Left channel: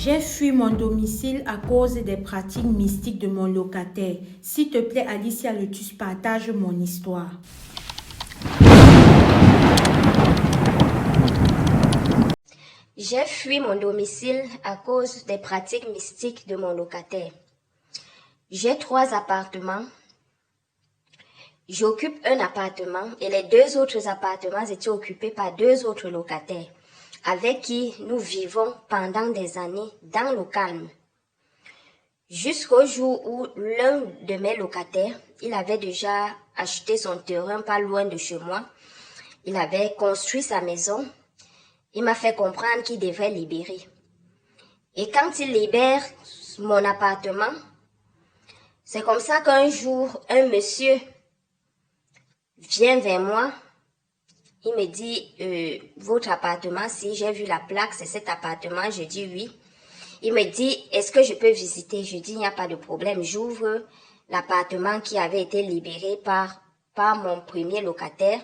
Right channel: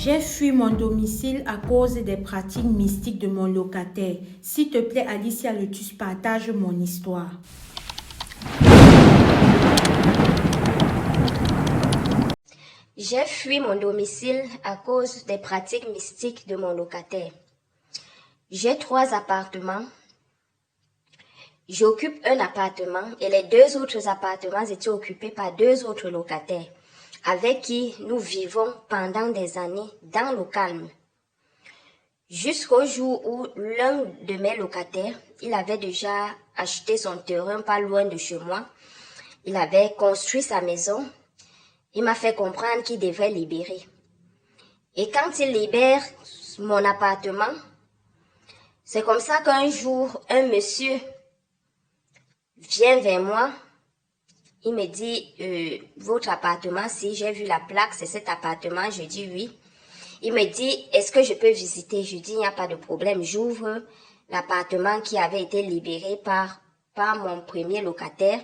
J'ai fui mon domicile à cause des pratiques mystiques de mon locataire. S'il te plaît, Alicia Letus, partage mon histoire. J'ai fui mon domicile à cause des pratiques mystiques de mon locataire. J'ai 3 appartements. J'occupe un appartement et les 2 autres appartements étaient occupés par 2 autres locataires avec qui nous vivons pendant des années dans le calme. Jusqu'au jour où l'un de mes locataires, il avait déjà acheté son terrain pas loin de chez moi. Il avait construit sa maison. Il m'a fait comprendre qu'il devrait libérer. Et quand il libère mon appartement, c'est comme ça qu'un jour, un monsieur vient vers moi. Il me dit, votre appartement, si j'ai vu la plaque, c'est cet appartement. Je dis oui. Il me dit, est-ce que je peux visiter? Je dis, il n'y a pas de problème. J'ouvre l'appartement qui avait été libéré par mon premier locataire.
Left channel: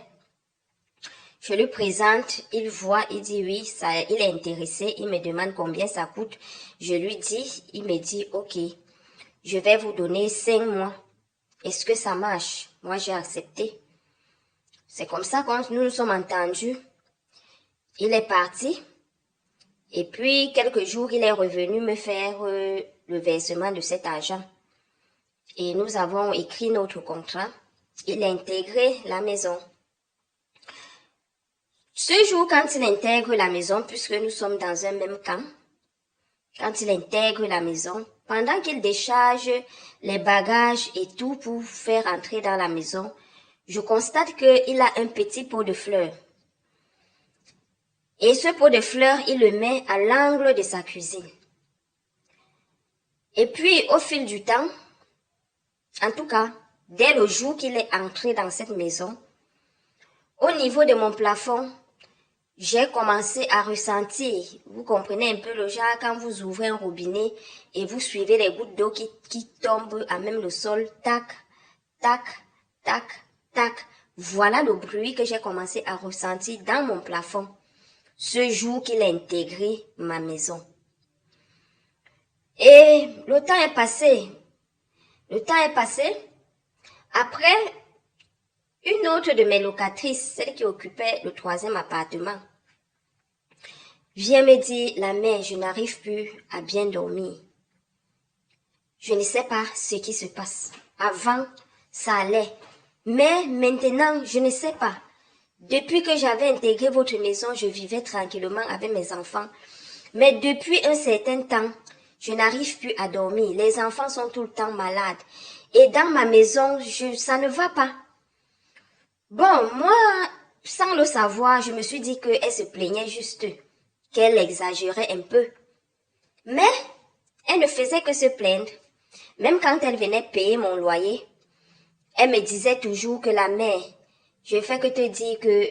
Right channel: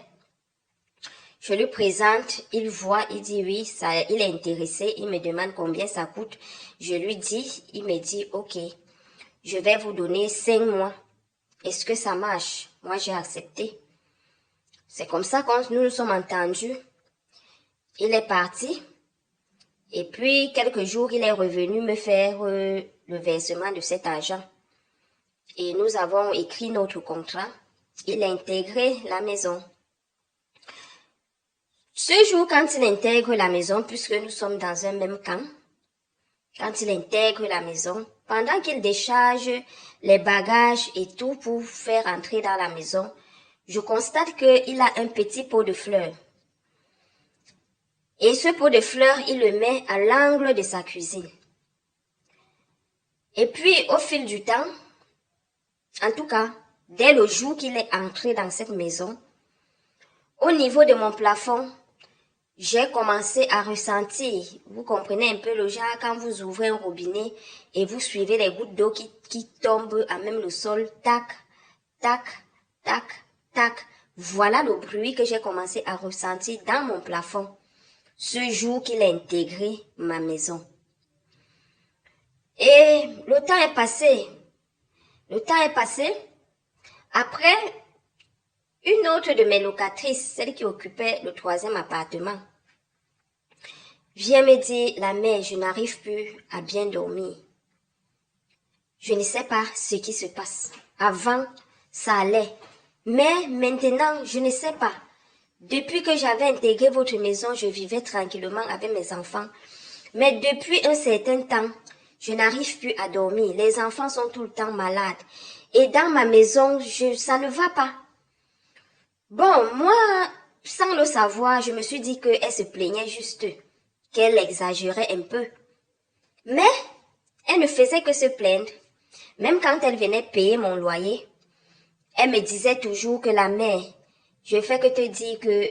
Je lui présente, il voit, il dit oui, il est intéressé. Il me demande combien ça coûte. Je lui dis, il me dit, ok, je vais vous donner 5 mois. Est-ce que ça marche? Moi, j'ai accepté. C'est comme ça quand nous nous sommes entendus. Il est parti. Et puis, quelques jours, il est revenu me faire le versement de cet argent. Et nous avons écrit notre contrat. Il a intégré la maison. Ce jour, quand il intègre la maison, puisque nous sommes dans un même camp, quand il intègre la maison, pendant qu'il décharge les bagages et tout pour faire entrer dans la maison, je constate qu'il a un petit pot de fleurs. Et ce pot de fleurs, il le met à l'angle de sa cuisine. Et puis, au fil du temps, en tout cas, dès le jour qu'il est entré dans cette maison, au niveau de mon plafond, j'ai commencé à ressentir, vous comprenez un peu le genre, quand vous ouvrez un robinet et vous suivez les gouttes d'eau qui tombent à même le sol, tac, tac, tac, tac. Voilà le bruit que j'ai commencé à ressentir dans mon plafond ce jour qu'il a intégré ma maison. Et le temps est passé. Le temps est passé. Après, une autre de mes locatrices, celle qui occupait le 3e appartement, vient me dire, la mère, je n'arrive plus à bien dormir. Je ne sais pas ce qui se passe. Avant, ça allait. Mais maintenant, je ne sais pas. Depuis que j'avais intégré votre maison, je vivais tranquillement avec mes enfants. Mais depuis un certain temps, je n'arrive plus à dormir. Les enfants sont tout le temps malades. Et dans ma maison, ça ne va pas. Bon, moi, sans le savoir, je me suis dit qu'elle se plaignait juste, qu'elle exagérait un peu. Mais elle ne faisait que se plaindre. Même quand elle venait payer mon loyer, elle me disait toujours que la mère, je fais que te dire que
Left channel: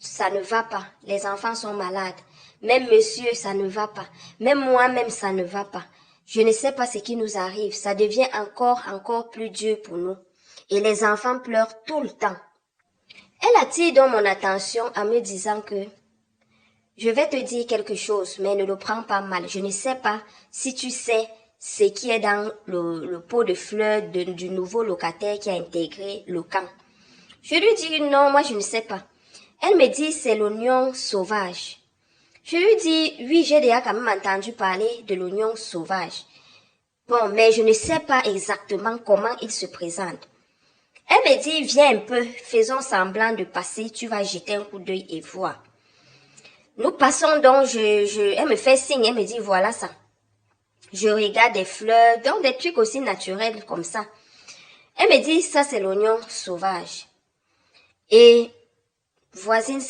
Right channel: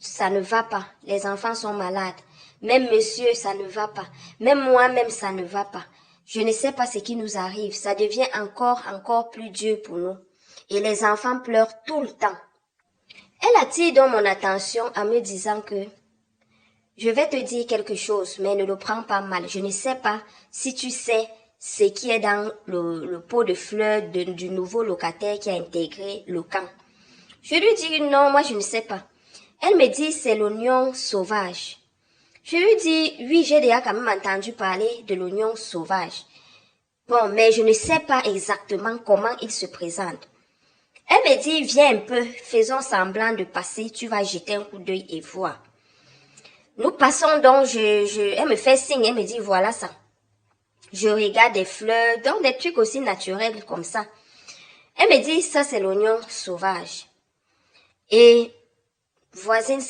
ça ne va pas. Les enfants sont malades. Même monsieur, ça ne va pas. Même moi-même, ça ne va pas. Je ne sais pas ce qui nous arrive. Ça devient encore plus dur pour nous. Et les enfants pleurent tout le temps. Elle attire donc mon attention en me disant que je vais te dire quelque chose, mais ne le prends pas mal. Je ne sais pas si tu sais ce qui est dans le pot de fleurs du nouveau locataire qui a intégré le camp. Je lui dis non, moi je ne sais pas. Elle me dit c'est l'oignon sauvage. Je lui dis oui, j'ai déjà quand même entendu parler de l'oignon sauvage. Bon, mais je ne sais pas exactement comment il se présente. Elle me dit viens un peu, faisons semblant de passer, tu vas jeter un coup d'œil et voir. Nous passons donc, elle me fait signe, elle me dit voilà ça. Je regarde des fleurs, donc des trucs aussi naturels comme ça. Elle me dit ça c'est l'oignon sauvage. Et voisine,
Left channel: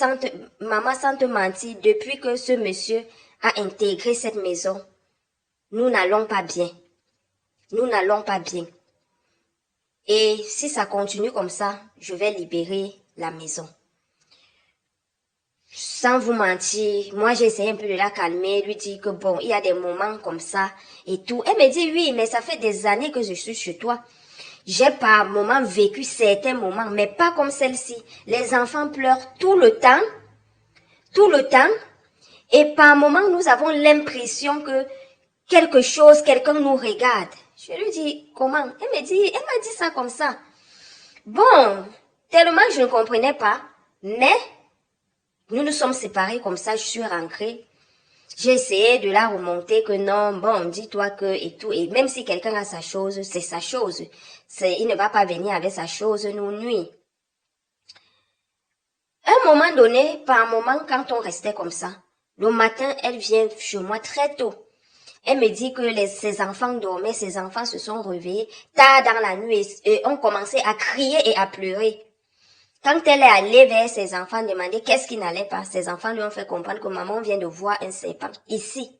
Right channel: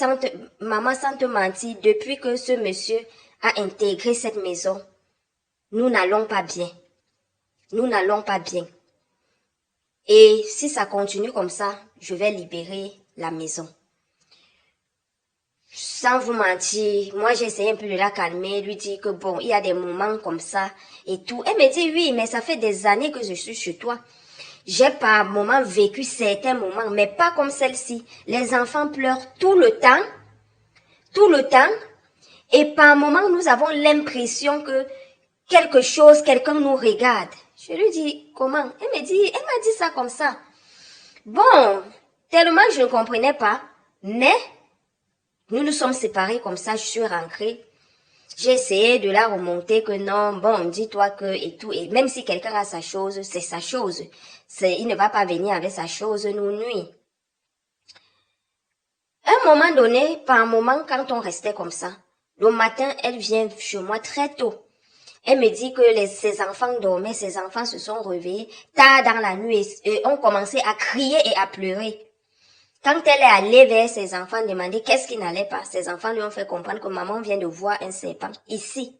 maman sans te mentir, depuis que ce monsieur a intégré cette maison, nous n'allons pas bien. Nous n'allons pas bien. Et si ça continue comme ça, je vais libérer la maison. Sans vous mentir, moi j'ai essayé un peu de la calmer, lui dire que bon, il y a des moments comme ça et tout. Elle me dit oui, mais ça fait des années que je suis chez toi. J'ai par moments vécu certains moments, mais pas comme celle-ci. Les enfants pleurent tout le temps, et par moments nous avons l'impression que quelque chose, quelqu'un nous regarde. Je lui dis, comment? Elle m'a dit ça comme ça. Bon, tellement je ne comprenais pas, mais nous nous sommes séparés comme ça, je suis rentrée. J'ai essayé de la remonter que non, bon, dis-toi que et tout. Et même si quelqu'un a sa chose, c'est sa chose. Il ne va pas venir avec sa chose nous nuire. À un moment donné, par un moment, quand on restait comme ça, le matin, elle vient chez moi très tôt. Elle me dit que ses enfants dormaient, ses enfants se sont réveillés tard dans la nuit et ont commencé à crier et à pleurer. Quand elle est allée vers ses enfants demander qu'est-ce qui n'allait pas, ses enfants lui ont fait comprendre que maman vient de voir un serpent ici.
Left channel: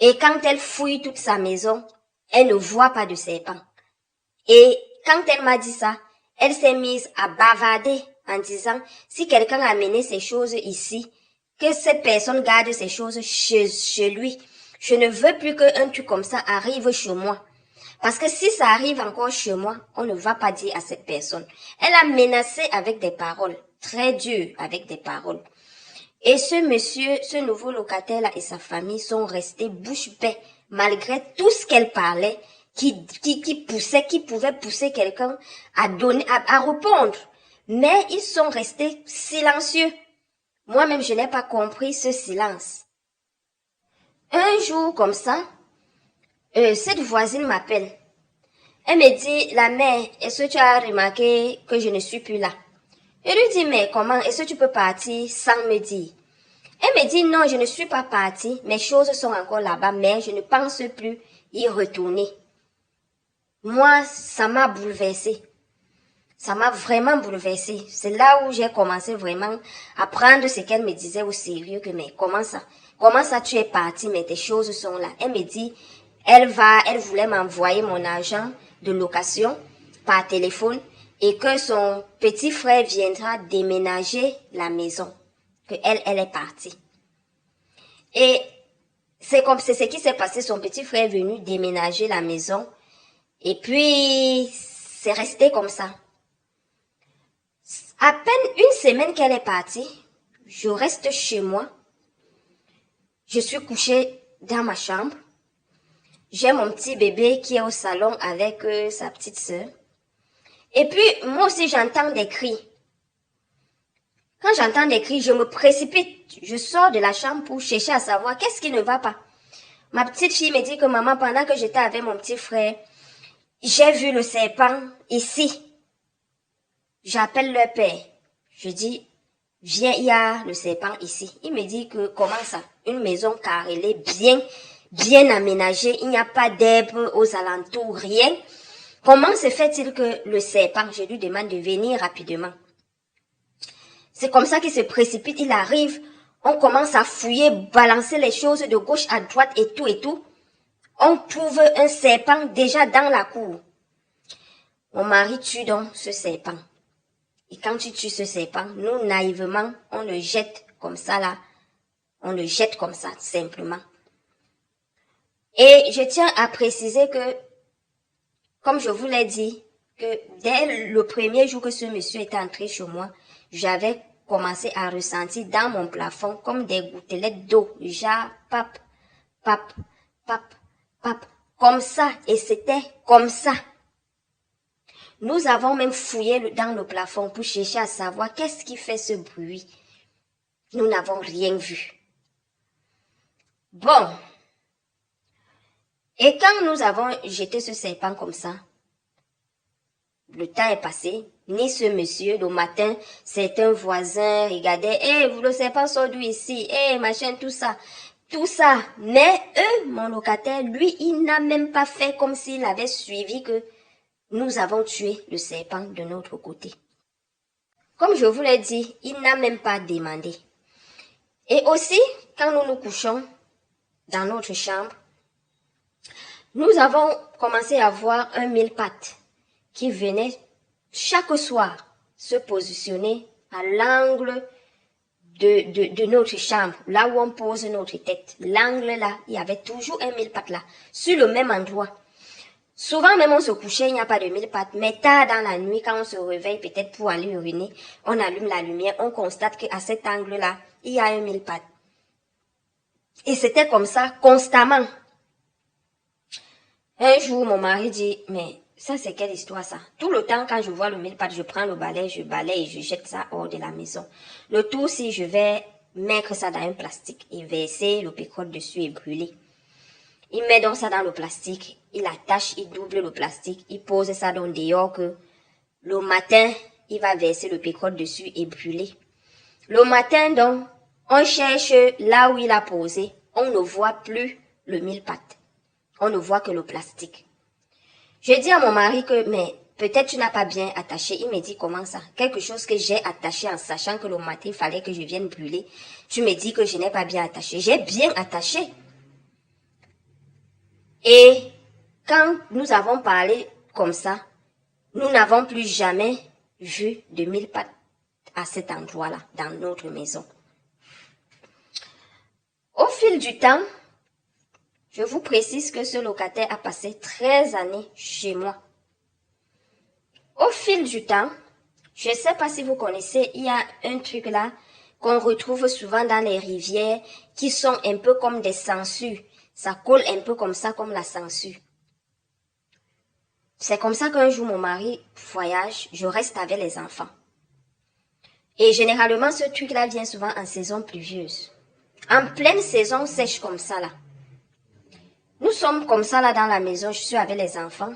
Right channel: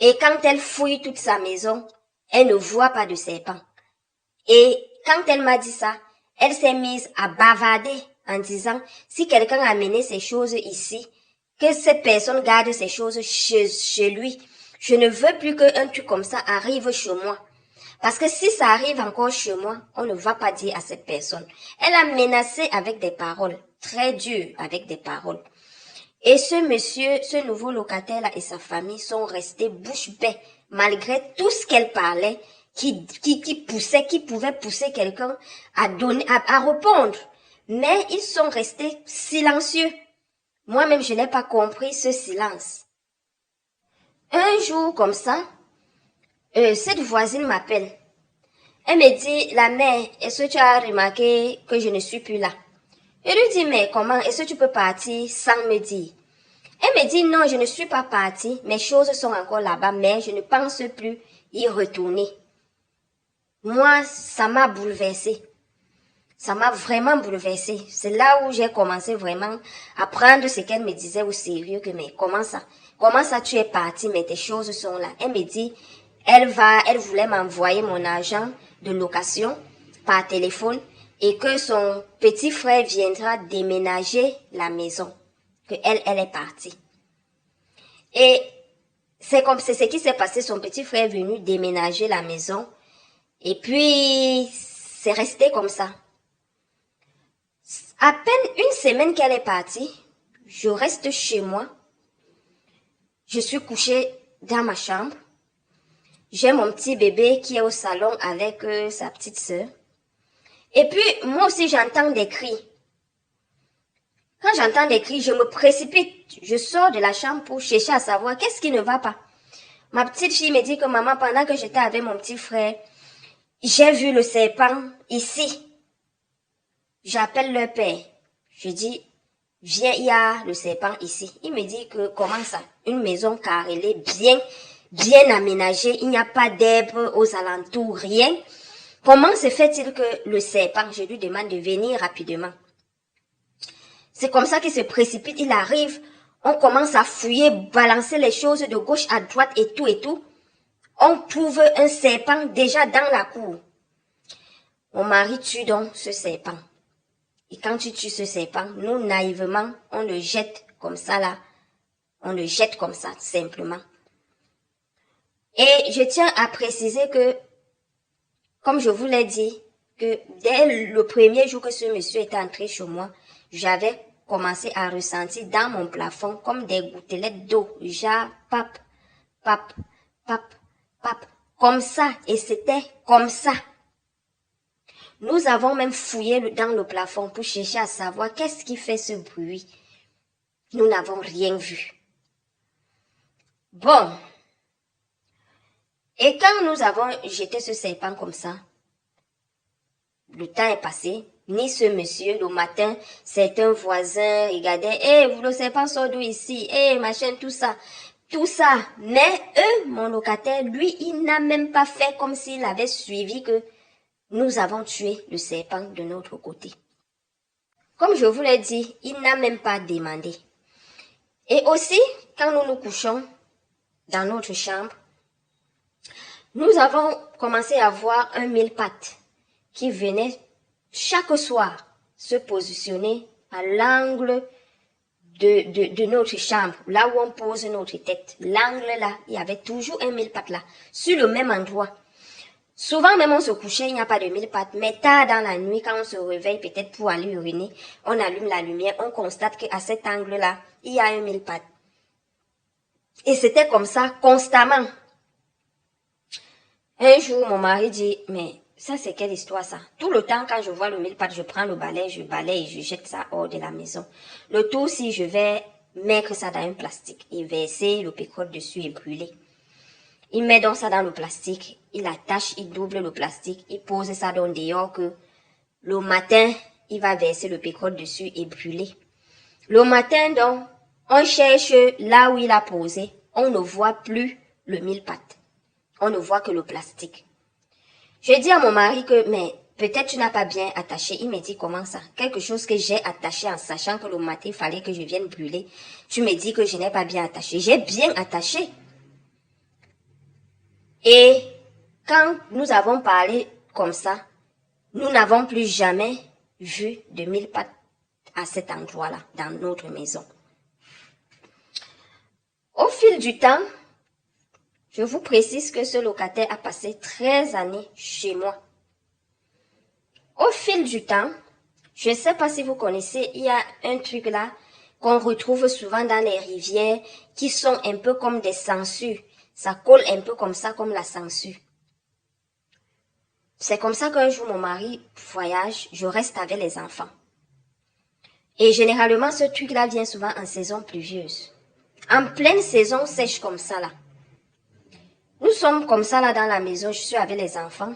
Et quand elle fouille toute sa maison, elle ne voit pas de serpent. Et quand elle m'a dit ça, elle s'est mise à bavarder en disant si quelqu'un a amené ces choses ici, que cette personne garde ces choses chez lui. Je ne veux plus qu'un truc comme ça arrive chez moi. Parce que si ça arrive encore chez moi, on ne va pas dire à cette personne. Elle a menacé avec des paroles, très dures avec des paroles. Et ce monsieur, ce nouveau locataire-là et sa famille sont restés bouche bée, malgré tout ce qu'elle parlait, qui pouvait pousser quelqu'un à répondre. Mais ils sont restés silencieux. Moi-même, je n'ai pas compris ce silence. Un jour comme ça, cette voisine m'appelle. Elle me dit, la mère, est-ce que tu as remarqué que je ne suis plus là? Je lui dis, mais comment, est-ce que tu peux partir sans me dire? Elle me dit, non, je ne suis pas partie, mes choses sont encore là-bas, mais je ne pense plus y retourner. Moi, ça m'a bouleversée. Ça m'a vraiment bouleversée. C'est là où j'ai commencé vraiment à prendre ce qu'elle me disait au sérieux, que mais comment ça? Comment ça tu es partie, mais tes choses sont là? Elle me dit, elle voulait m'envoyer mon argent de location par téléphone et que son petit frère viendra déménager la maison. Que elle est partie. Et c'est ce qui s'est passé. Son petit frère est venu déménager la maison. Et puis, c'est resté comme ça. À peine une semaine qu'elle est partie, je reste chez moi. Je suis couchée dans ma chambre. J'ai mon petit bébé qui est au salon avec sa petite sœur. Et puis, moi aussi, j'entends des cris. Quand j'entends des cris, je me précipite. Je sors de la chambre pour chercher à savoir qu'est-ce qui ne va pas. Ma petite fille me dit que maman, pendant que j'étais avec mon petit frère, j'ai vu le serpent ici. J'appelle le père. Je dis, viens, il y a le serpent ici. Il me dit que comment ça? Une maison carrelée, bien aménagée. Il n'y a pas d'herbe aux alentours, rien. Comment se fait-il que le serpent, je lui demande de venir rapidement. C'est comme ça qu'il se précipite, il arrive. On commence à fouiller, balancer les choses de gauche à droite et tout et tout. On trouve un serpent déjà dans la cour. Mon mari tue donc ce serpent. Et quand tu tues ce serpent, nous, naïvement, on le jette comme ça là. On le jette comme ça, simplement. Et je tiens à préciser que, comme je vous l'ai dit, que dès le premier jour que ce monsieur est entré chez moi, j'avais commencé à ressentir dans mon plafond comme des gouttelettes d'eau, genre pap, pap, pap, pap, comme ça, et c'était comme ça. Nous avons même fouillé dans le plafond pour chercher à savoir qu'est-ce qui fait ce bruit. Nous n'avons rien vu. Bon. Et quand nous avons jeté ce serpent comme ça, le temps est passé. Ni ce monsieur, le matin, c'est un voisin, regardait, vous le serpent sort d'où ici, machin, tout ça. Tout ça. Mais eux, mon locataire, lui, il n'a même pas fait comme s'il avait suivi que nous avons tué le serpent de notre côté. Comme je vous l'ai dit, il n'a même pas demandé. Et aussi, quand nous nous couchons dans notre chambre, nous avons commencé à voir un mille-pattes qui venait chaque soir se positionner à l'angle de notre chambre, là où on pose notre tête. L'angle là, il y avait toujours un mille-pattes là, sur le même endroit. Souvent même on se couchait, il n'y a pas de mille-pattes, mais tard dans la nuit, quand on se réveille peut-être pour aller uriner, on allume la lumière, on constate qu'à cet angle-là, il y a un mille-pattes. Et c'était comme ça constamment. Un jour, mon mari dit, mais ça c'est quelle histoire ça? Tout le temps, quand je vois le mille pattes, je prends le balai, je balaye et je jette ça hors de la maison. Le tout, si je vais mettre ça dans un plastique et verser le pétrole dessus et brûler. Il met donc ça dans le plastique, il attache, il double le plastique, il pose ça dans dehors que le matin, il va verser le pétrole dessus et brûler. Le matin, donc, on cherche là où il a posé, on ne voit plus le mille pattes. On ne voit que le plastique. Je dis à mon mari que, mais peut-être tu n'as pas bien attaché. Il me dit, comment ça? Quelque chose que j'ai attaché en sachant que le matin, il fallait que je vienne brûler. Tu me dis que je n'ai pas bien attaché. J'ai bien attaché. Et quand nous avons parlé comme ça, nous n'avons plus jamais vu de mille pattes à cet endroit-là, dans notre maison. Au fil du temps, je vous précise que ce locataire a passé 13 années chez moi. Au fil du temps, je ne sais pas si vous connaissez, il y a un truc là qu'on retrouve souvent dans les rivières qui sont un peu comme des sangsues. Ça colle un peu comme ça, comme la sangsue. C'est comme ça qu'un jour mon mari voyage, je reste avec les enfants. Et généralement, ce truc-là vient souvent en saison pluvieuse. En pleine saison sèche comme ça là. Nous sommes comme ça là dans la maison, je suis avec les enfants.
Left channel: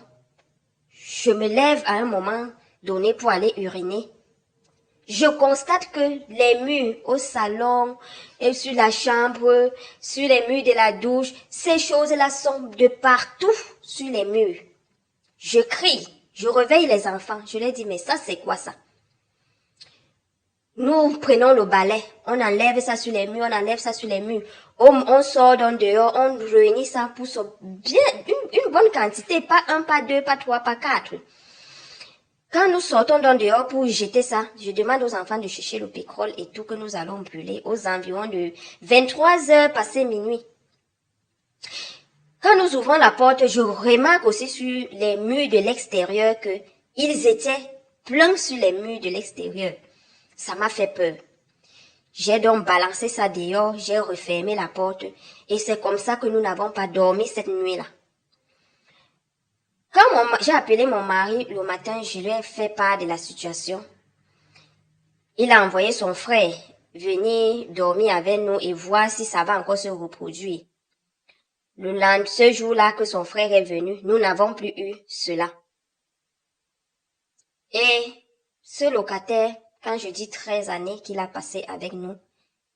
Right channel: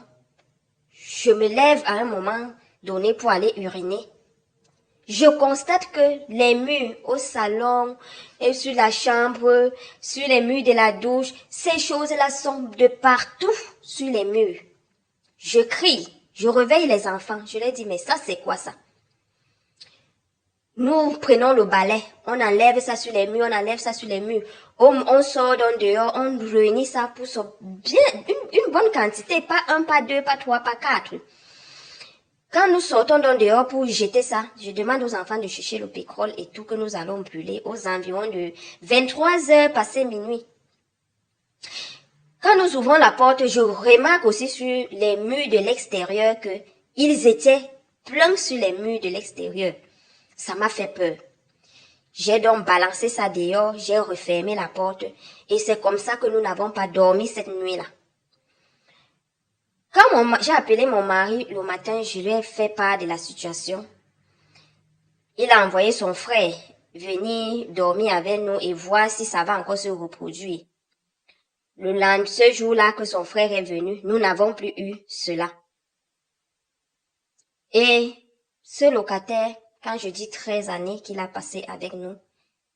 Je me lève à un moment donné pour aller uriner. Je constate que les murs au salon et sur la chambre, sur les murs de la douche, ces choses-là sont de partout sur les murs. Je crie, je réveille les enfants. Je leur dis, mais ça c'est quoi ça? Nous prenons le balai, on enlève ça sur les murs, on enlève ça sur les murs. On sort dans dehors, on réunit ça pour bien une bonne quantité, pas un, pas deux, pas trois, pas quatre. Quand nous sortons dans dehors pour jeter ça, je demande aux enfants de chercher le pétrole et tout que nous allons brûler aux environs de 23 heures passé minuit. Quand nous ouvrons la porte, je remarque aussi sur les murs de l'extérieur que ils étaient pleins sur les murs de l'extérieur. Ça m'a fait peur. J'ai donc balancé ça dehors, j'ai refermé la porte et c'est comme ça que nous n'avons pas dormi cette nuit-là. Quand j'ai appelé mon mari le matin, je lui ai fait part de la situation. Il a envoyé son frère venir dormir avec nous et voir si ça va encore se reproduire. Ce jour-là que son frère est venu, nous n'avons plus eu cela. Et ce locataire, quand je dis 13 années qu'il a passé avec nous,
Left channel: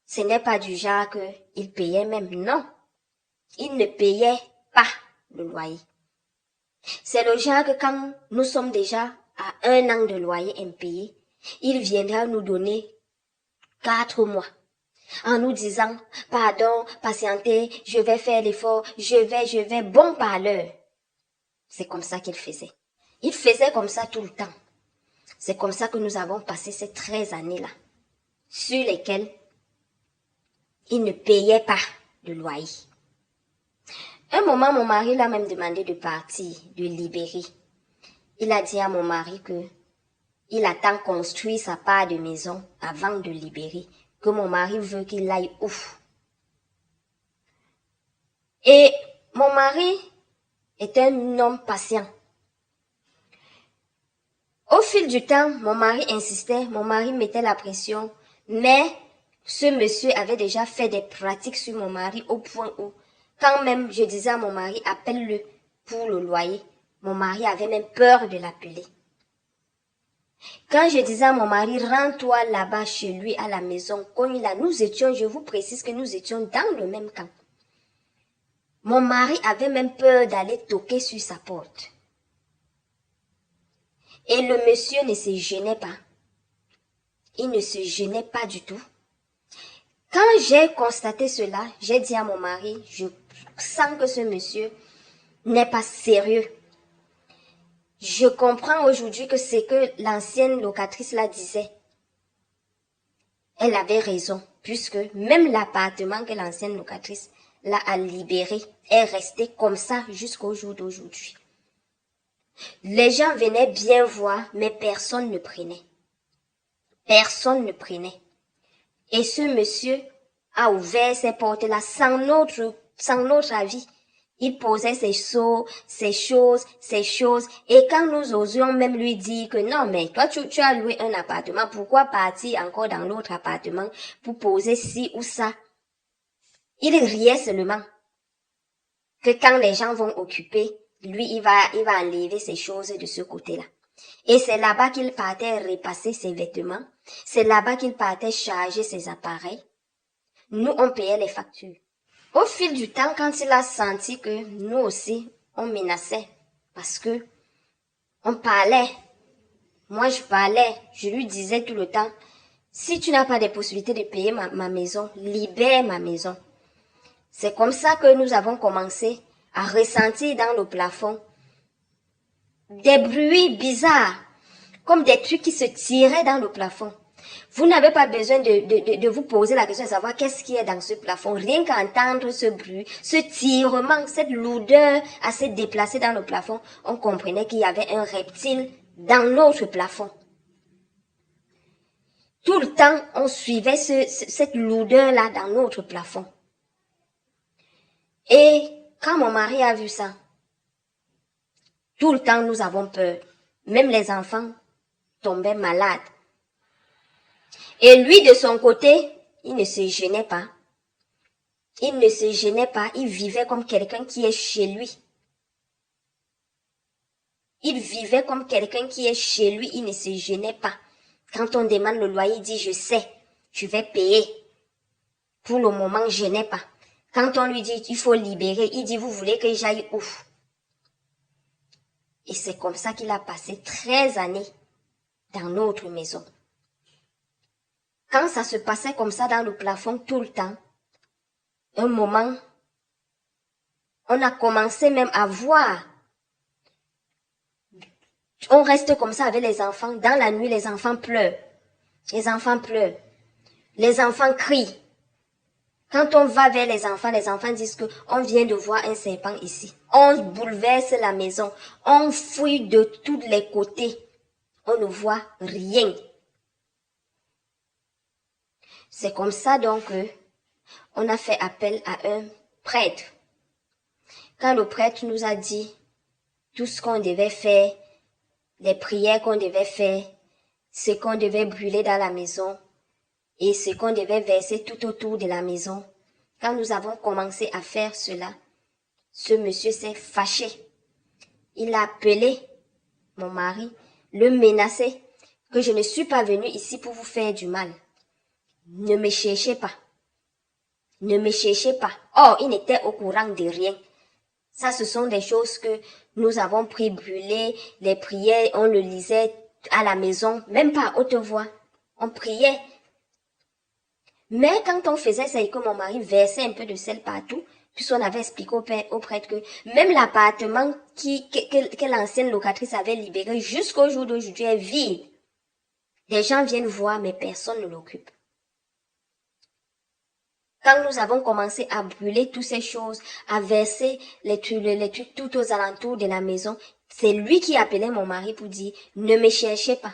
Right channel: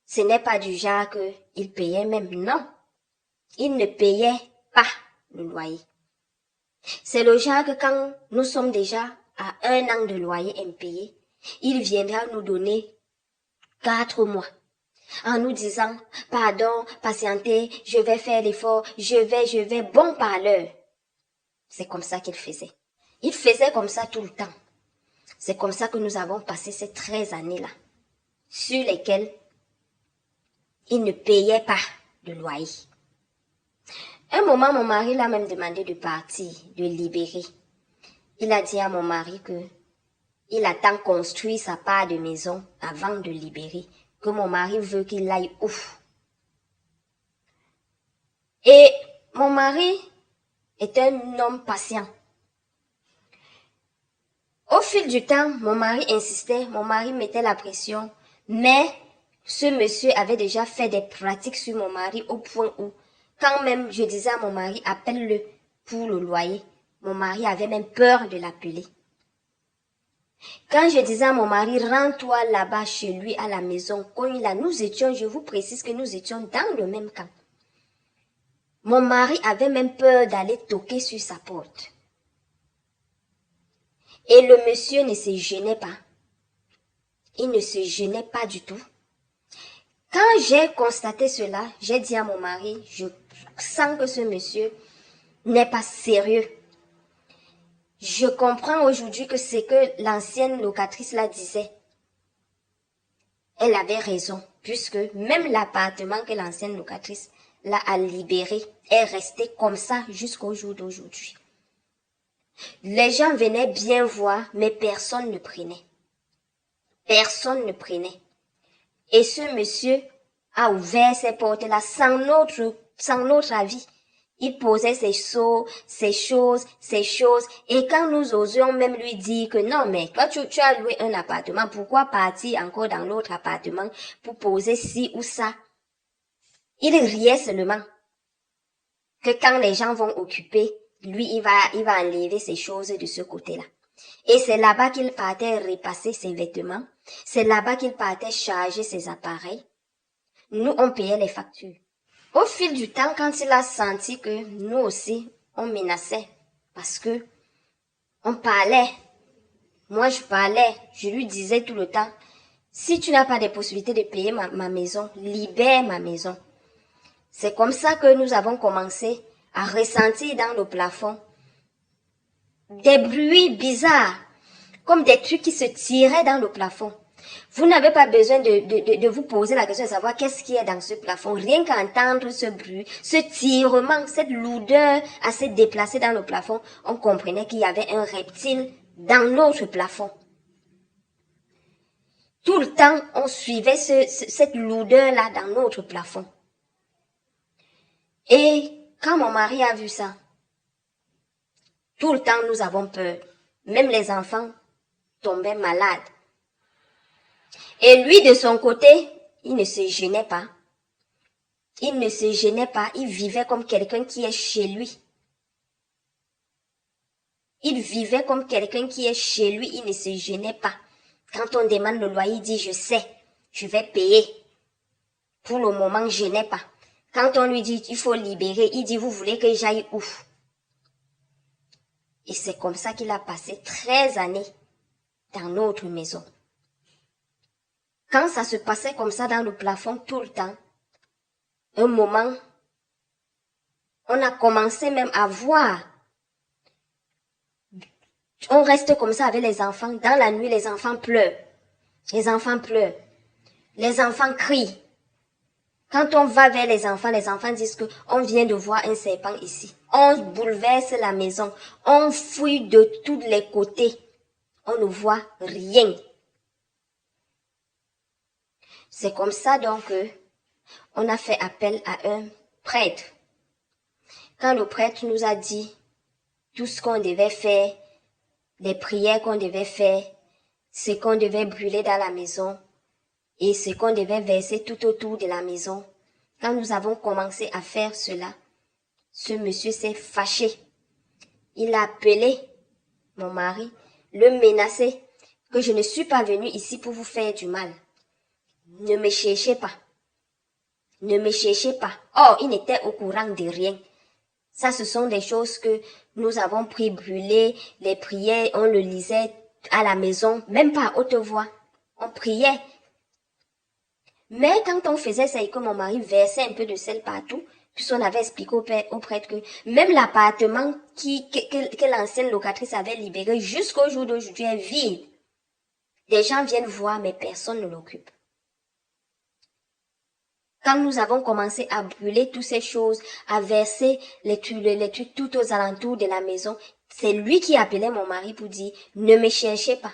ce n'est pas du genre qu'il payait même, non. Il ne payait pas le loyer. C'est le genre que quand nous sommes déjà à 1 an de loyer impayé, il viendra nous donner 4 mois en nous disant, pardon, patientez, je vais faire l'effort, je vais, bon parleur. C'est comme ça qu'il faisait. Il faisait comme ça tout le temps. C'est comme ça que nous avons passé ces 13 années-là, sur lesquelles il ne payait pas de loyer. Un moment, mon mari l'a même demandé de partir, de libérer. Il a dit à mon mari que il attend construire sa part de maison avant de libérer, que mon mari veut qu'il aille où. Et mon mari est un homme patient. Au fil du temps, mon mari insistait, mon mari mettait la pression, mais ce monsieur avait déjà fait des pratiques sur mon mari au point où, quand même je disais à mon mari, appelle-le pour le loyer, mon mari avait même peur de l'appeler. Quand je disais à mon mari, rends-toi là-bas chez lui à la maison, quand nous étions, je vous précise que nous étions dans le même camp. Mon mari avait même peur d'aller toquer sur sa porte. Et le monsieur ne se gênait pas. Il ne se gênait pas du tout. Quand j'ai constaté cela, j'ai dit à mon mari, je sens que ce monsieur n'est pas sérieux. Je comprends aujourd'hui que c'est que l'ancienne locatrice la disait. Elle avait raison, puisque même l'appartement que l'ancienne locatrice l'a libéré est resté comme ça jusqu'au jour d'aujourd'hui. Les gens venaient bien voir, mais personne ne prenait. Personne ne prenait. Et ce monsieur a ouvert ses portes-là sans notre avis. Il posait ses choses. Et quand nous osions même lui dire que non, mais toi, tu as loué un appartement, pourquoi partir encore dans l'autre appartement pour poser ci ou ça? Il riait seulement. Que quand les gens vont occuper, lui, il va enlever ses choses de ce côté-là. Et c'est là-bas qu'il partait repasser ses vêtements. C'est là-bas qu'il partait charger ses appareils. Nous, on payait les factures. Au fil du temps, quand il a senti que nous aussi, on menaçait, parce que on parlait, moi je parlais, je lui disais tout le temps, si tu n'as pas de possibilité de payer ma maison, libère ma maison. C'est comme ça que nous avons commencé à ressentir dans le plafond des bruits bizarres, comme des trucs qui se tiraient dans le plafond. Vous n'avez pas besoin de vous poser la question de savoir qu'est-ce qu'il y a dans ce plafond. Rien qu'entendre ce bruit, ce tirement, cette lourdeur assez déplacée dans le plafond, on comprenait qu'il y avait un reptile dans notre plafond. Tout le temps, on suivait cette lourdeur-là dans notre plafond. Et quand mon mari a vu ça, tout le temps nous avons peur. Même les enfants tombaient malades. Et lui, de son côté, il ne se gênait pas. Il ne se gênait pas, il vivait comme quelqu'un qui est chez lui. Il vivait comme quelqu'un qui est chez lui, il ne se gênait pas. Quand on demande le loyer, il dit, je sais, je vais payer. Pour le moment, je n'ai pas. Quand on lui dit, il faut libérer, il dit, vous voulez que j'aille où? Et c'est comme ça qu'il a passé 13 années dans notre maison. Quand ça se passait comme ça dans le plafond tout le temps, un moment, on a commencé même à voir. On reste comme ça avec les enfants. Dans la nuit, les enfants pleurent. Les enfants pleurent. Les enfants crient. Quand on va vers les enfants disent qu'on vient de voir un serpent ici. On bouleverse la maison. On fouille de tous les côtés. On ne voit rien. C'est comme ça donc on a fait appel à un prêtre. Quand le prêtre nous a dit tout ce qu'on devait faire, les prières qu'on devait faire, ce qu'on devait brûler dans la maison et ce qu'on devait verser tout autour de la maison, quand nous avons commencé à faire cela, ce monsieur s'est fâché. Il a appelé mon mari, le menacé, que je ne suis pas venue ici pour vous faire du mal. Ne me cherchez pas. Ne me cherchez pas. Oh, il n'était au courant de rien. Ça, ce sont des choses que nous avons pris brûler, les prières, on le lisait à la maison, même pas à haute voix. On priait. Mais quand on faisait ça et que mon mari versait un peu de sel partout, puisqu'on avait expliqué au prêtre que même l'appartement que l'ancienne locatrice avait libéré jusqu'au jour d'aujourd'hui est vide. Des gens viennent voir, mais personne ne l'occupe. Quand nous avons commencé à brûler toutes ces choses, à verser les trucs tout aux alentours de la maison, c'est lui qui appelait mon mari pour dire « Ne me cherchez pas.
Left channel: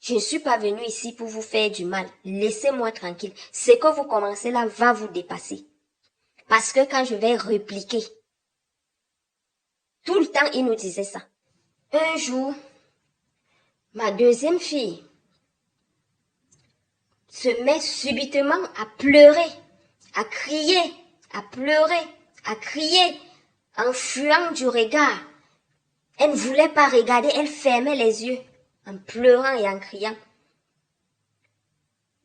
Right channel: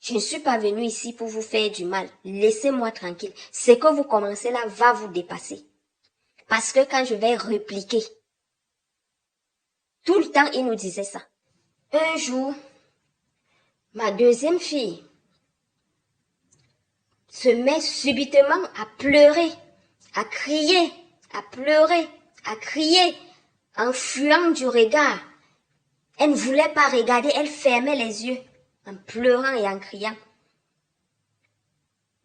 Je ne suis pas venu ici pour vous faire du mal. Laissez-moi tranquille. Ce que vous commencez là va vous dépasser. Parce que quand je vais répliquer, tout le temps il nous disait ça. Un jour, ma deuxième fille se met subitement à pleurer, à crier, à pleurer, à crier, en fuyant du regard. Elle ne voulait pas regarder, elle fermait les yeux, en pleurant et en criant.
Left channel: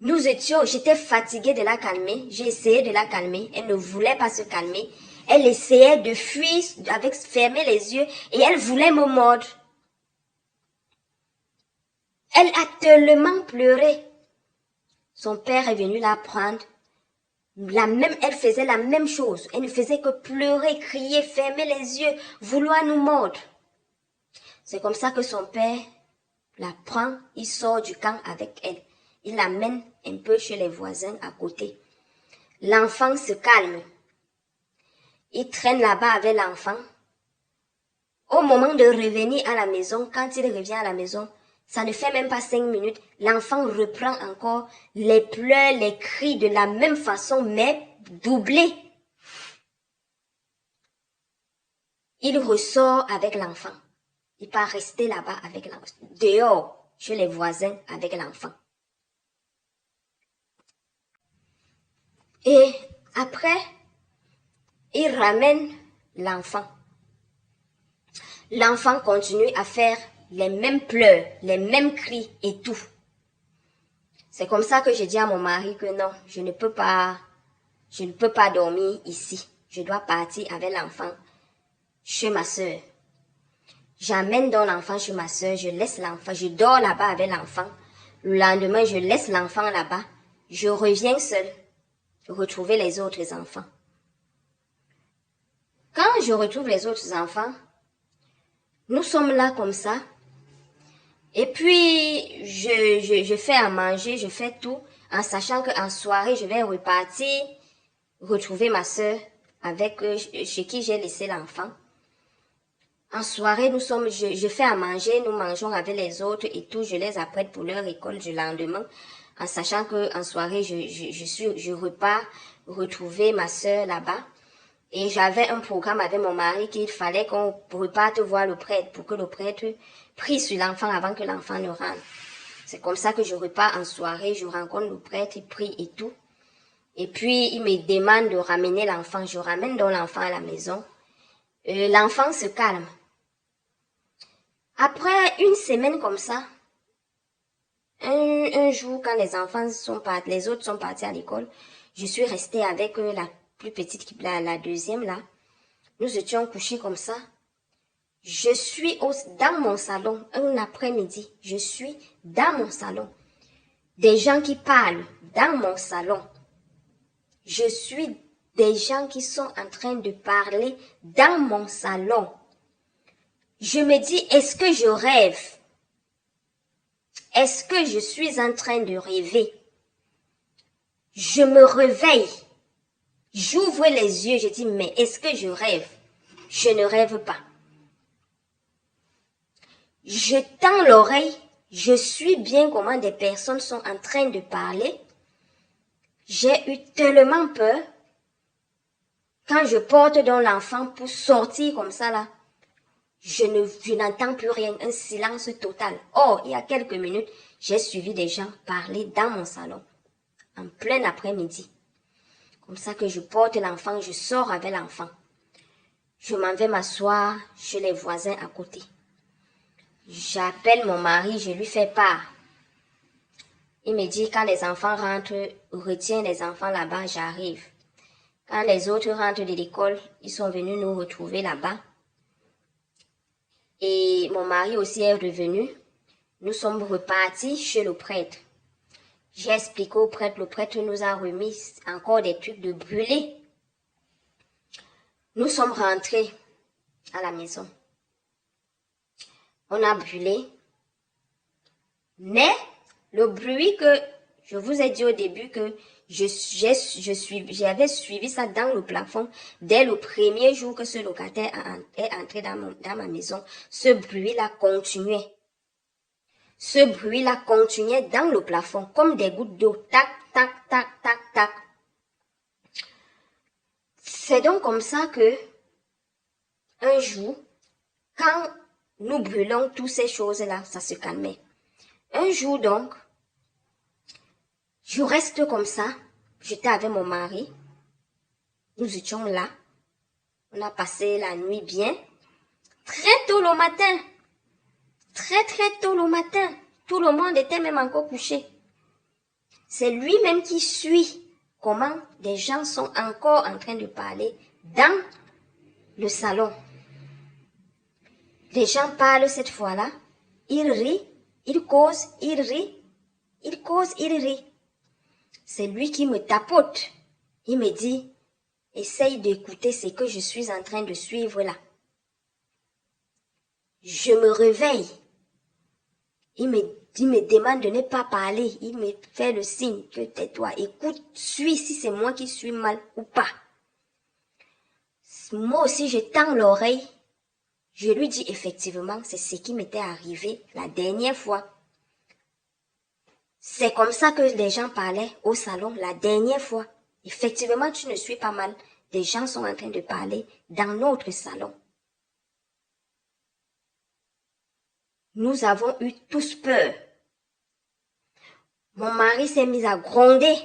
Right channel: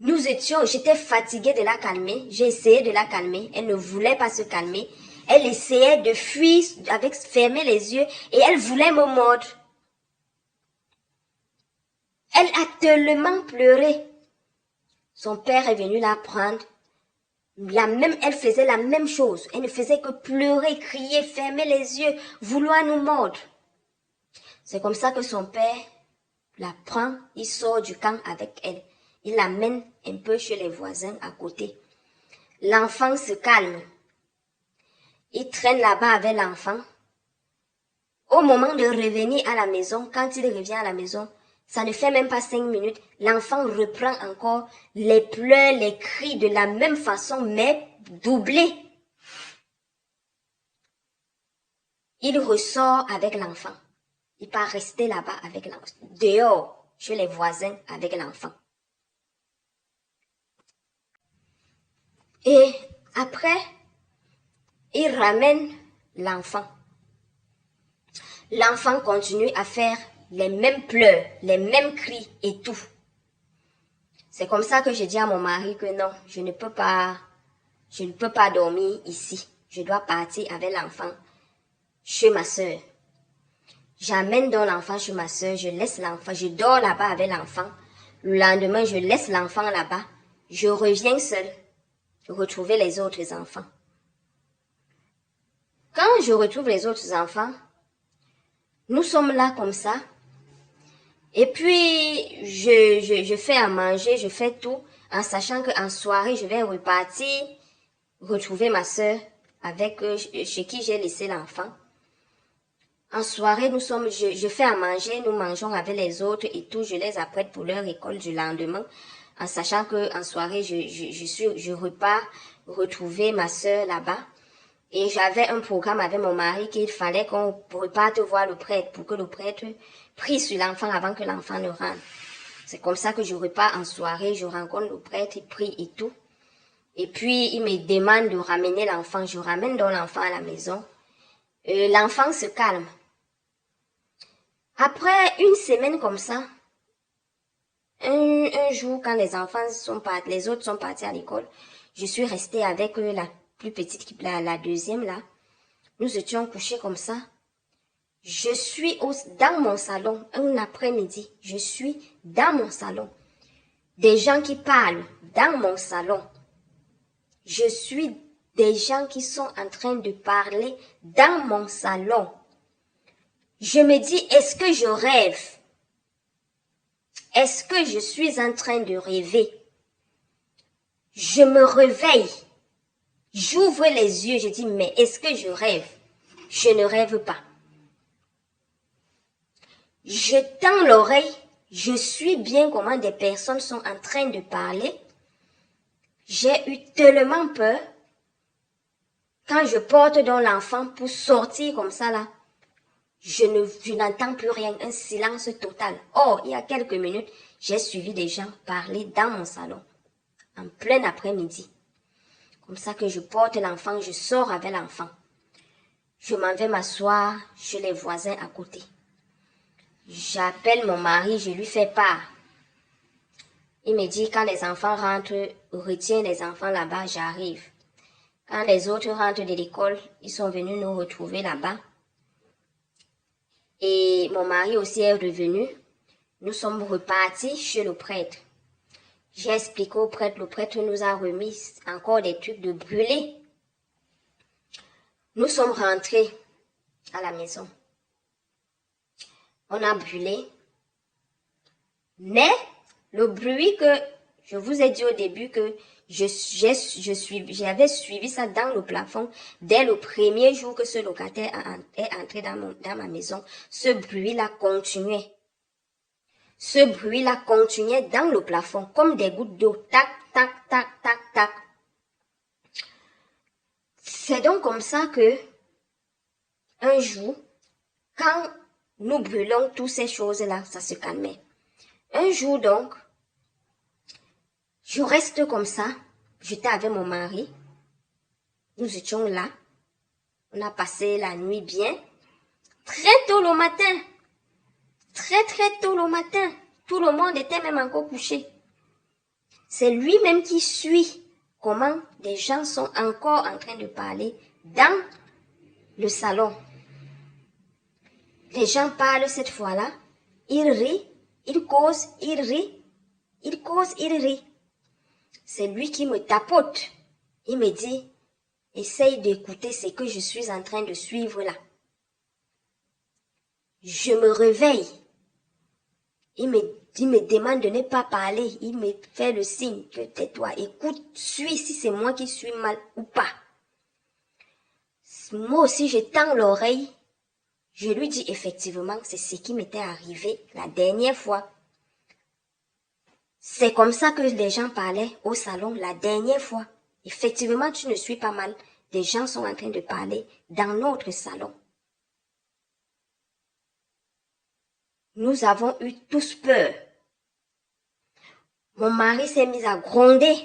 J'étais fatiguée de la calmer, j'ai essayé de la calmer, elle ne voulait pas se calmer. Elle essayait de fuir avec fermer les yeux et elle voulait me mordre. Elle a tellement pleuré. Son père est venu la prendre. Elle faisait la même chose. Elle ne faisait que pleurer, crier, fermer les yeux, vouloir nous mordre. C'est comme ça que son père la prend, il sort du camp avec elle. Il l'amène un peu chez les voisins à côté. L'enfant se calme. Il traîne là-bas avec l'enfant. Au moment de revenir à la maison, quand il revient à la maison, ça ne fait même pas 5 minutes, l'enfant reprend encore les pleurs, les cris de la même façon, mais doublés. il ressort avec l'enfant. Il pas rester là-bas avec l'enfant. Dehors, chez les voisins avec l'enfant. Et après, il ramène l'enfant. L'enfant continue à faire les mêmes pleurs, les mêmes cris et tout. C'est comme ça que je dis à mon mari que non, je ne peux pas dormir ici. Je dois partir avec l'enfant chez ma soeur. J'amène donc l'enfant chez ma soeur, je laisse l'enfant, je dors là-bas avec l'enfant. Le lendemain, je laisse l'enfant là-bas. Je reviens seule retrouver les autres enfants. Quand je retrouve les autres enfants, nous sommes là comme ça. Et puis, je fais à manger, je fais tout, en sachant qu'en soirée, je vais repartir, retrouver ma soeur avec chez qui j'ai laissé l'enfant. En soirée, je fais à manger, nous mangeons avec les autres et tout, je les apprête pour leur école du lendemain, en sachant qu'en soirée, je repars retrouver ma soeur là-bas. Et j'avais un programme avec mon mari qu'il fallait qu'on reparte voir le prêtre pour que le prêtre prie sur l'enfant avant que l'enfant ne rentre. C'est comme ça que je repars en soirée, je rencontre le prêtre, il prie et tout. Et puis, il me demande de ramener l'enfant. Je ramène donc l'enfant à la maison. L'enfant se calme. Après une semaine comme ça, un jour, quand les enfants les autres sont partis à l'école, je suis restée avec la plus petite, la deuxième là. Nous étions couchés comme ça. Je suis dans mon salon, un après-midi. Je suis dans mon salon. Des gens qui parlent dans mon salon. Je suis des gens qui sont en train de parler dans mon salon. Je me dis, est-ce que je rêve? Est-ce que je suis en train de rêver? Je me réveille. J'ouvre les yeux, je dis, mais est-ce que je rêve? Je ne rêve pas. Je tends l'oreille, je suis bien comment des personnes sont en train de parler. J'ai eu tellement peur. Quand je porte donc l'enfant pour sortir comme ça là, je n'entends plus rien, un silence total. Or, il y a quelques minutes, j'ai suivi des gens parler dans mon salon, en plein après-midi. Comme ça que je porte l'enfant, je sors avec l'enfant. Je m'en vais m'asseoir chez les voisins à côté. J'appelle mon mari, je lui fais part. Il me dit, quand les enfants rentrent, retiens les enfants là-bas, j'arrive. Quand les autres rentrent de l'école, ils sont venus nous retrouver là-bas. Et mon mari aussi est revenu. Nous sommes repartis chez le prêtre. J'ai expliqué au prêtre, le prêtre nous a remis encore des trucs de brûler. Nous sommes rentrés à la maison. On a brûlé. Mais le bruit que je vous ai dit au début que j'avais suivi ça dans le plafond dès le premier jour que ce locataire est entré dans ma maison. Ce bruit-là continuait. Ce bruit-là continuait dans le plafond comme des gouttes d'eau. Tac, tac, tac, tac, tac. C'est donc comme ça que un jour, quand nous brûlons toutes ces choses-là, ça se calmait. Un jour donc, je reste comme ça. J'étais avec mon mari. Nous étions là. On a passé la nuit bien. Très tôt le matin. Très très tôt le matin. Tout le monde était même encore couché. C'est lui-même qui suit comment des gens sont encore en train de parler dans le salon. Les gens parlent cette fois-là. Ils rient, ils causent, ils rient. Ils causent, ils rient. C'est lui qui me tapote. Il me dit, essaye d'écouter ce que je suis en train de suivre là. Je me réveille. Il me demande de ne pas parler. Il me fait le signe que tais-toi. Écoute, suis si c'est moi qui suis mal ou pas. Moi aussi, je tends l'oreille. Je lui dis effectivement, c'est ce qui m'était arrivé la dernière fois. C'est comme ça que les gens parlaient au salon la dernière fois. Effectivement, tu ne suis pas mal. Les gens sont en train de parler dans notre salon. Nous avons eu tous peur. Mon mari s'est mis à gronder,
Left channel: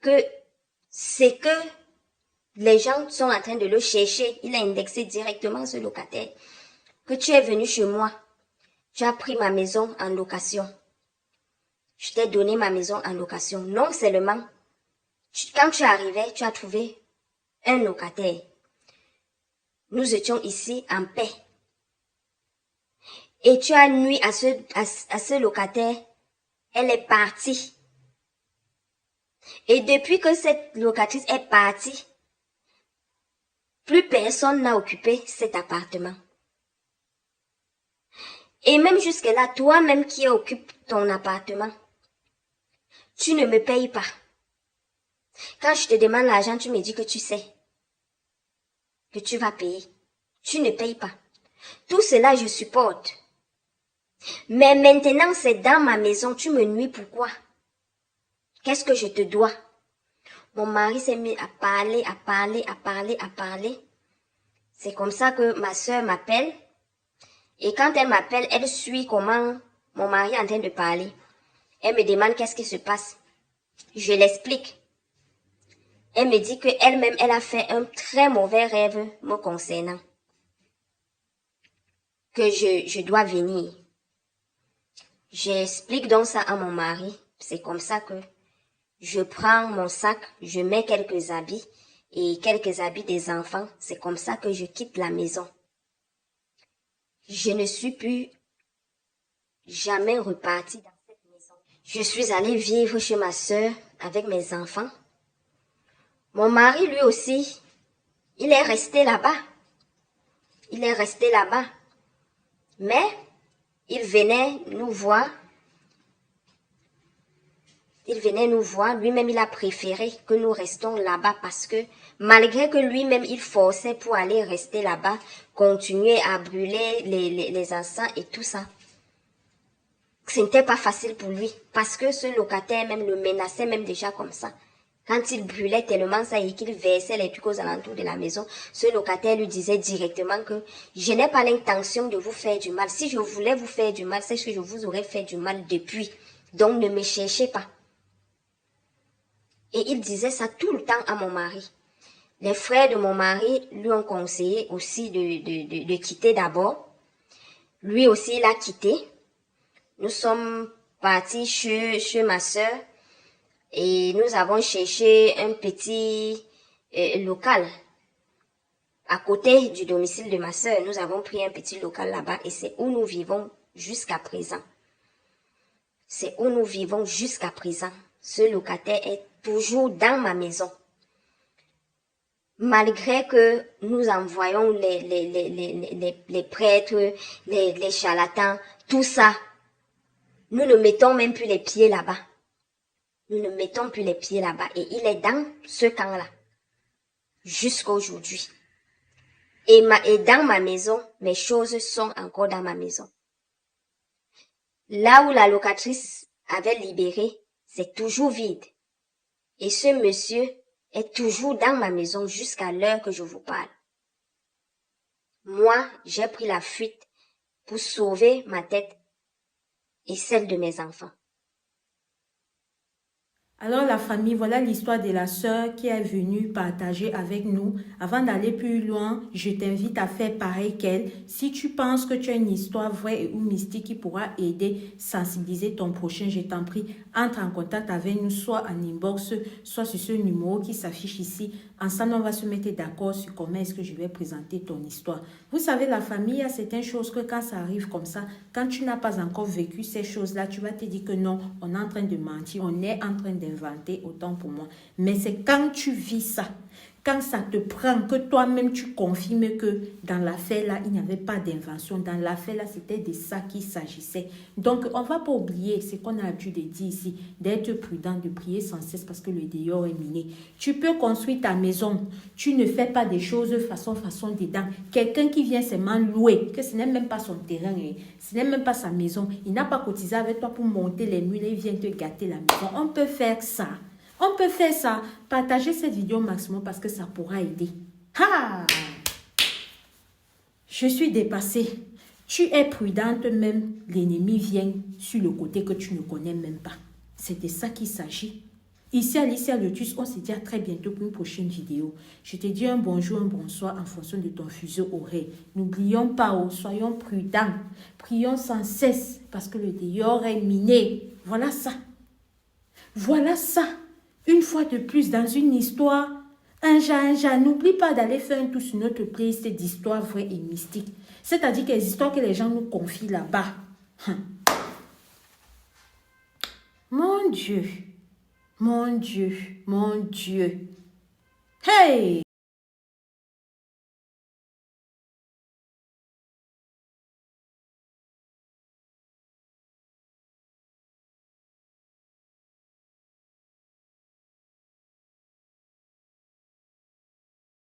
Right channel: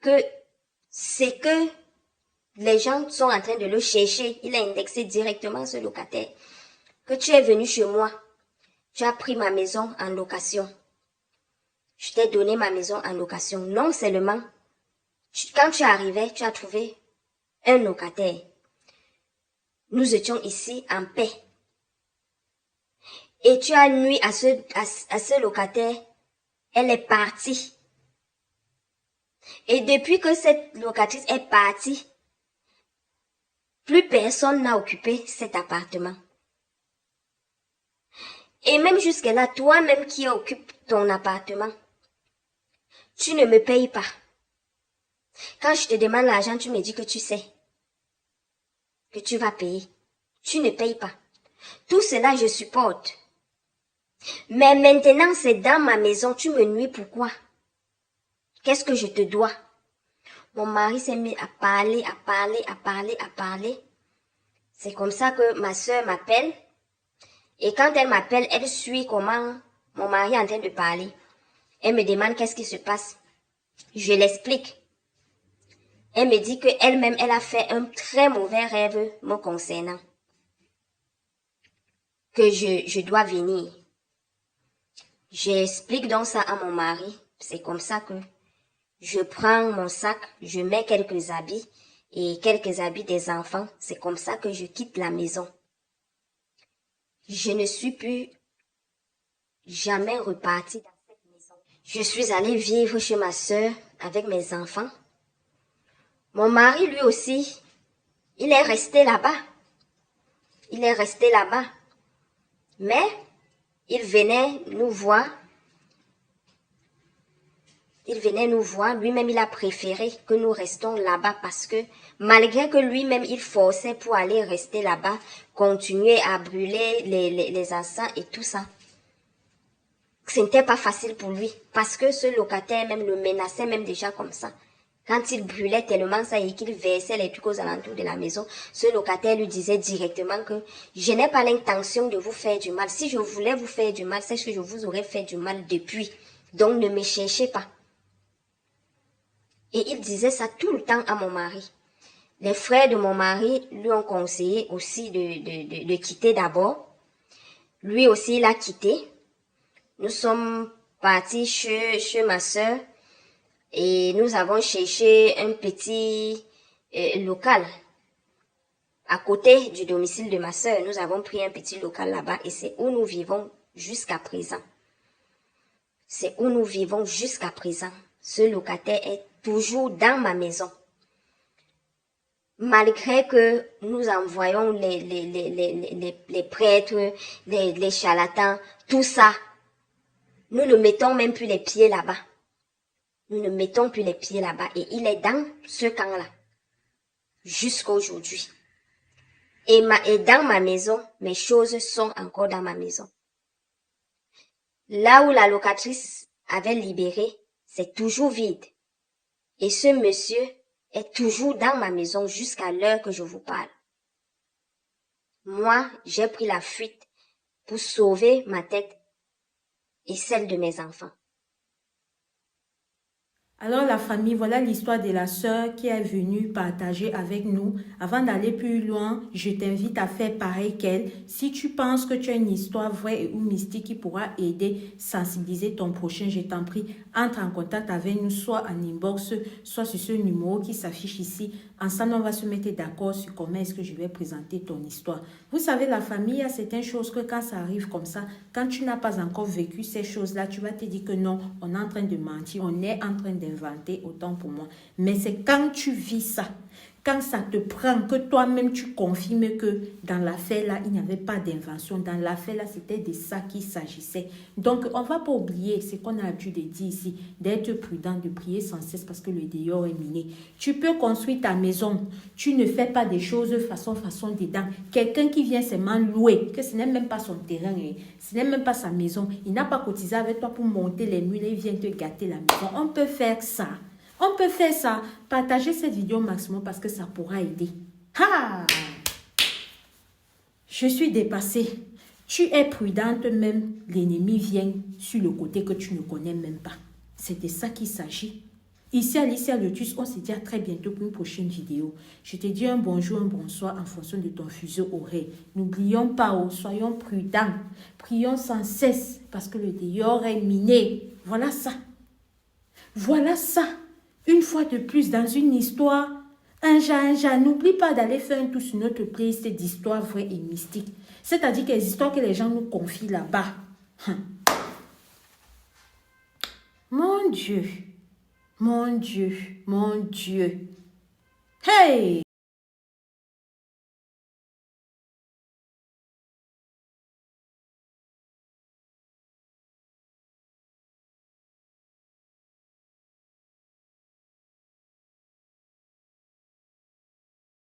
que c'est que les gens sont en train de le chercher. Il a indexé directement ce locataire. Que tu es venu chez moi. Tu as pris ma maison en location. Je t'ai donné ma maison en location. Non seulement, quand tu arrivais, tu as trouvé un locataire. Nous étions ici en paix. Et tu as nui à ce locataire. Elle est partie. Et depuis que cette locatrice est partie, plus personne n'a occupé cet appartement. Et même jusque-là, toi-même qui occupes ton appartement, tu ne me payes pas. Quand je te demande l'argent, tu me dis que tu sais que tu vas payer. Tu ne payes pas. Tout cela, je supporte. Mais maintenant, c'est dans ma maison. Tu me nuis pourquoi? Qu'est-ce que je te dois? Mon mari s'est mis à parler. C'est comme ça que ma soeur m'appelle. Et quand elle m'appelle, elle suit comment mon mari est en train de parler. Elle me demande qu'est-ce qui se passe. Je l'explique. Elle me dit qu'elle-même, elle a fait un très mauvais rêve me concernant. Que je dois venir. J'explique donc ça à mon mari. C'est comme ça que je prends mon sac, je mets quelques habits et quelques habits des enfants. C'est comme ça que je quitte la maison. Je ne suis plus jamais repartie dans cette maison. Je suis allée vivre chez ma soeur avec mes enfants. Mon mari, lui aussi, il est resté là-bas. Mais il venait nous voir. Lui-même, il a préféré que nous restions là-bas parce que malgré que lui-même, il forçait pour aller rester là-bas, continuer à brûler les encens et tout ça. Ce n'était pas facile pour lui parce que ce locataire même le menaçait même déjà comme ça. Quand il brûlait tellement ça et qu'il versait les trucs aux alentours de la maison, ce locataire lui disait directement que je n'ai pas l'intention de vous faire du mal. Si je voulais vous faire du mal, c'est que je vous aurais fait du mal depuis. Donc ne me cherchez pas. Et il disait ça tout le temps à mon mari. Les frères de mon mari lui ont conseillé aussi de quitter d'abord. Lui aussi, il a quitté. Nous sommes partis chez ma soeur et nous avons cherché un petit local à côté du domicile de ma soeur. Nous avons pris un petit local là-bas et c'est où nous vivons jusqu'à présent. Ce locataire est toujours dans ma maison. Malgré que nous envoyons les prêtres, les charlatans, tout ça, nous ne mettons même plus les pieds là-bas. Et il est dans ce camp-là, jusqu'à aujourd'hui. Et dans ma maison, mes choses sont encore dans ma maison. Là où la locatrice avait libéré, c'est toujours vide. Et ce monsieur est toujours dans ma maison jusqu'à l'heure que je vous parle. Moi, j'ai pris la fuite pour sauver ma tête et celle de mes enfants. Alors la famille, voilà l'histoire de la sœur qui est venue partager avec nous. Avant d'aller plus loin, je t'invite à faire pareil qu'elle. Si tu penses que tu as une histoire vraie ou mystique qui pourra aider, sensibiliser ton prochain, je t'en prie, entre en contact avec nous, soit en inbox, soit sur ce numéro qui s'affiche ici. Ensemble, on va se mettre d'accord sur comment est-ce que je vais présenter ton histoire. Vous savez, la famille, il y a certaines choses que quand ça arrive comme ça, quand tu n'as pas encore vécu ces choses-là, tu vas te dire que non, on est en train de mentir, on est en train d'inventer, autant pour moi. Mais c'est quand tu vis ça, quand ça te prend, que toi-même tu confirmes que dans l'affaire là, il n'y avait pas d'invention. Dans l'affaire là, c'était de ça qu'il s'agissait. Donc, on ne va pas oublier ce qu'on a l'habitude de dire ici, d'être prudent, de prier sans cesse parce que le dehors est miné. Tu peux construire ta maison, tu ne fais pas des choses façon dedans. Quelqu'un qui vient seulement louer, que ce n'est même pas son terrain, ce n'est même pas sa maison, il n'a pas cotisé avec toi pour monter les murs et il vient te gâter la maison. On peut faire ça. On peut faire ça. Partagez cette vidéo au maximum parce que ça pourra aider. Ha! Je suis dépassée. Tu es prudente même, l'ennemi vient sur le côté que tu ne connais même pas. C'est de ça qu'il s'agit. Ici, Alicia Lotus, on se dit à très bientôt pour une prochaine vidéo. Je te dis un bonjour, un bonsoir en fonction de ton fuseau horaire. N'oublions pas, soyons prudents. Prions sans cesse parce que le dehors est miné. Voilà ça. Voilà ça. Une fois de plus, dans une histoire, un genre, n'oublie pas d'aller faire un tour sur notre playlist d'histoires vraies et mystiques. C'est-à-dire que les histoires que les gens nous confient là-bas. Mon Dieu. Mon Dieu, mon Dieu. Hey!